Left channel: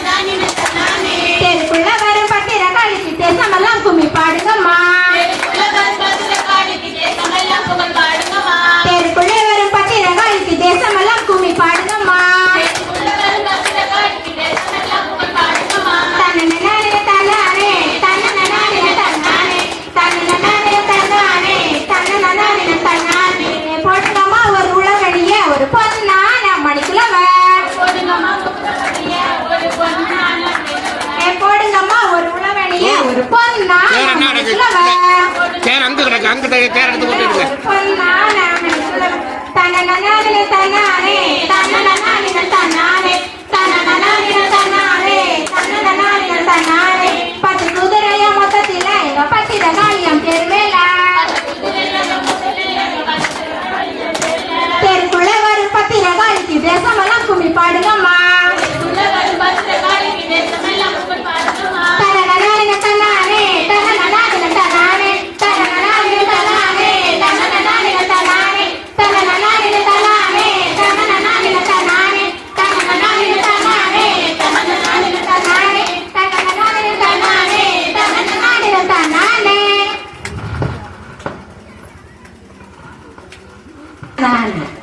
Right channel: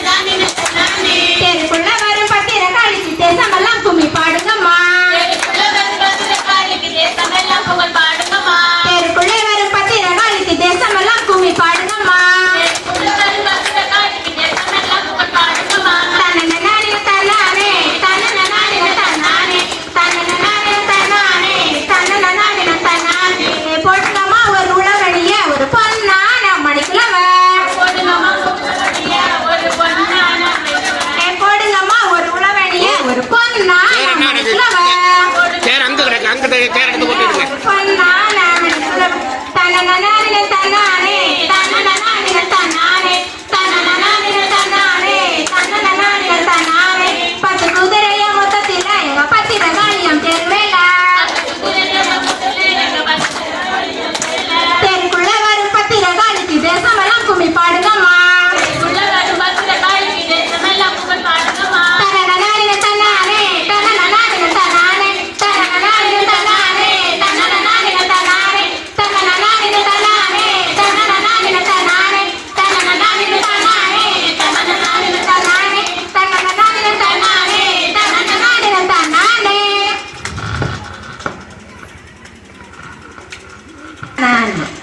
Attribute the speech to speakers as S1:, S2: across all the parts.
S1: Dani
S2: தன தன தன 三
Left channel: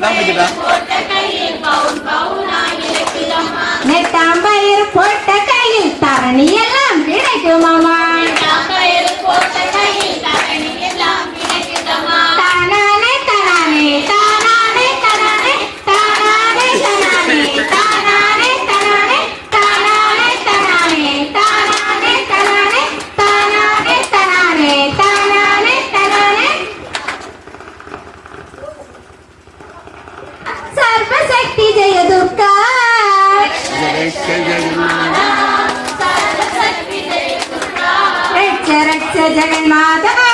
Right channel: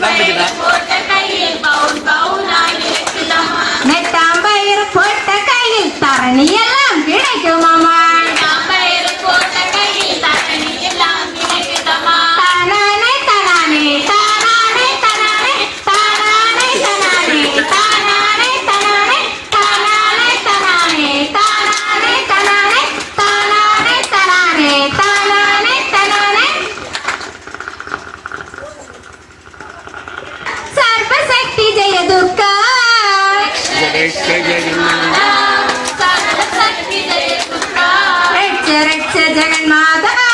S2: Bye. Bye. जगन्माता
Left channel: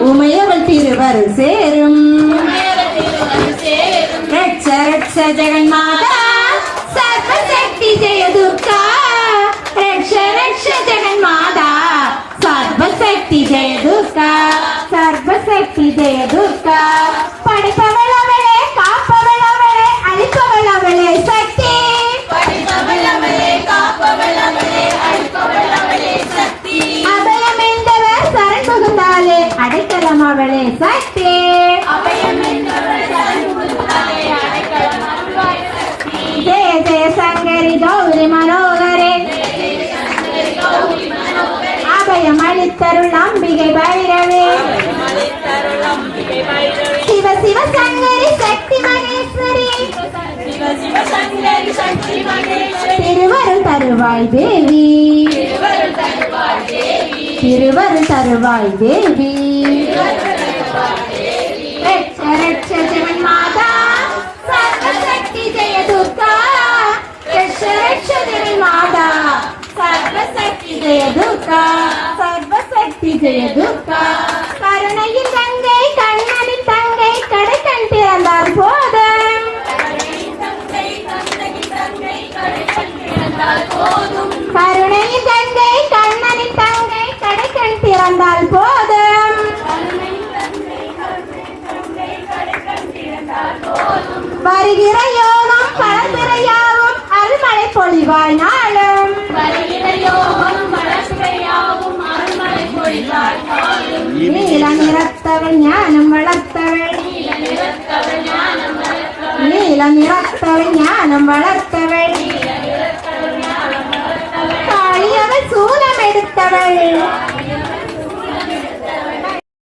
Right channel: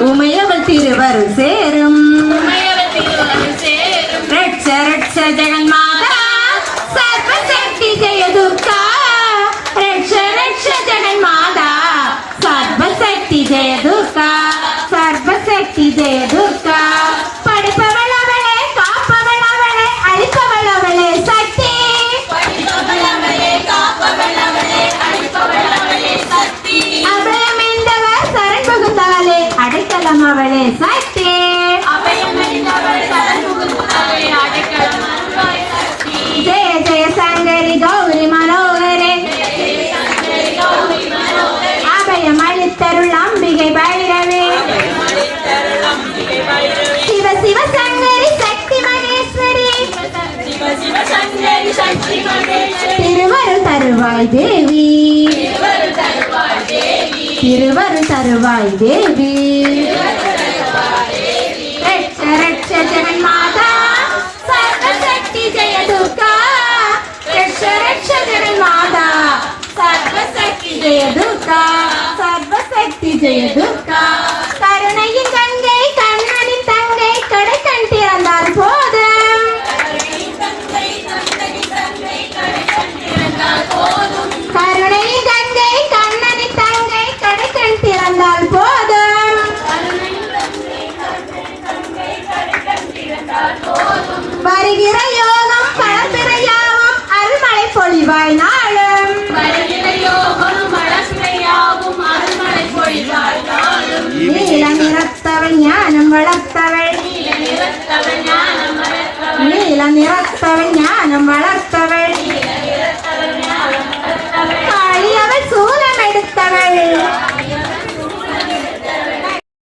S1: உமையவள் திருவர் சேரும்.
S2: சேரும்.
S1: ரட்ச ரட்ச ஜெகன்மாதா. திருவருள் தருவாய் தேவி. திருவருள் தருவாய் தேவி. ஜெய துர்கா. சர்வசக்தி ஜெய துர்கா. வருகிற யோகம் பழப்பிறையாவும் அருள்மழை பொழிவாய் நாளும் நீளம் நிறத்தவள் ஞானம் வளர்த்தவள். நீளம் நிறத்தவள் ஞானம் வளர்த்தவள். காளியவள் சூலம் எடுத்தவள்.